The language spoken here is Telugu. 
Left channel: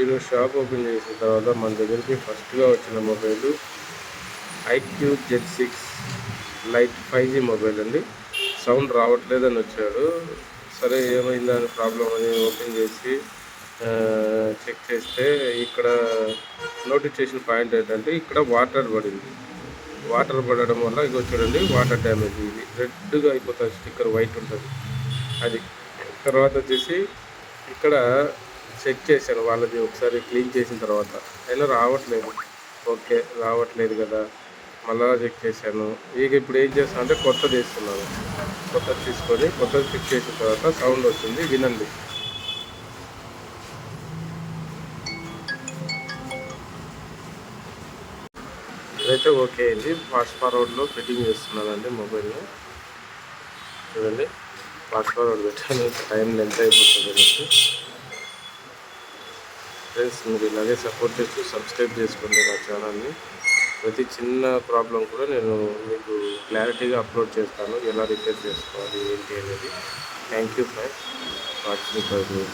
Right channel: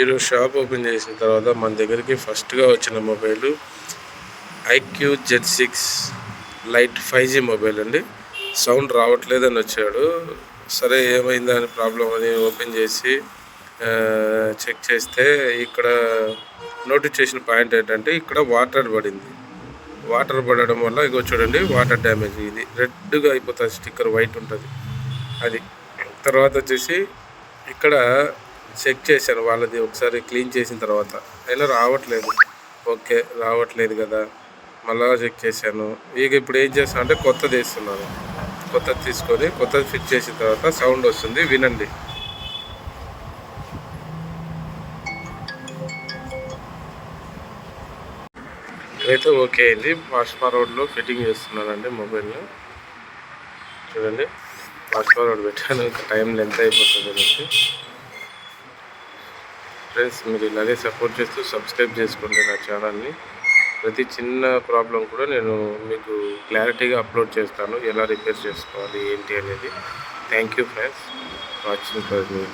ఈరోజు షాప్ ఓపెన్ చేసిన తర్వాత మన దగ్గరికి ఫస్ట్గా వచ్చిన mobile IQZ6 light 5G mobile అండి. సౌండ్ రావట్లేదని వచ్చాడు. సరే ఏమైందని ప్రాబ్లం అని ఓపెన్ చేసి చెక్ చేస్తే ఇక్కడ నోటిఫికేషన్ పాయింట్ ఏంటంటే ఇక్కడ వాటర్ పడింది. వాటర్ పడడం వల్ల ఇగో చూడండి వాటర్ డ్యామేజ్, ఇది రెడ్గా అయిపోతుంది, స్టిక్కర్ వైట్ ఉంటుంది అది. తర్వాత వచ్చేసి ఇక్కడ చెక్ చేశాను వాళ్ళది ఒకసారి క్లీన్ చేసిన తర్వాత, అయినా రావట్లేదు. ఓకే రావట్లేదు కదా, మళ్ళా చెక్ చేశాను. ఇక ఇప్పుడు ఏం చేస్తాను అంటే కొత్తది వేస్తున్నాను. కొత్తది తీసుకొని కొత్తది ఫిట్ చేసిన తర్వాత సౌండ్ వస్తుంది, వినండి. అయితే ఓకే అయింది. ఫాస్ట్ ఫార్వర్డ్లో ఫిట్టింగ్ చేస్తున్నానండి మొబైల్ని. చూడండి ఫాస్ట్ ఫార్వర్డ్ పెట్టాను, టైం లెంత్ అయిపోతుంది అనేసి. ఫ్రెండ్స్ మీరు ఇలాగే సపోర్ట్ చేస్తూ సబ్స్క్రైబ్ చేసుకోండి నా ఛానల్ని. ప్రతి చిన్న ప్రాబ్లం కూడా నేను మీకు క్లారిటీగా అప్లోడ్ చేస్తాను, ఎలా రిపేర్ చేసుకోవాలి ఏంటి అనేది. Thank you friends watching for me.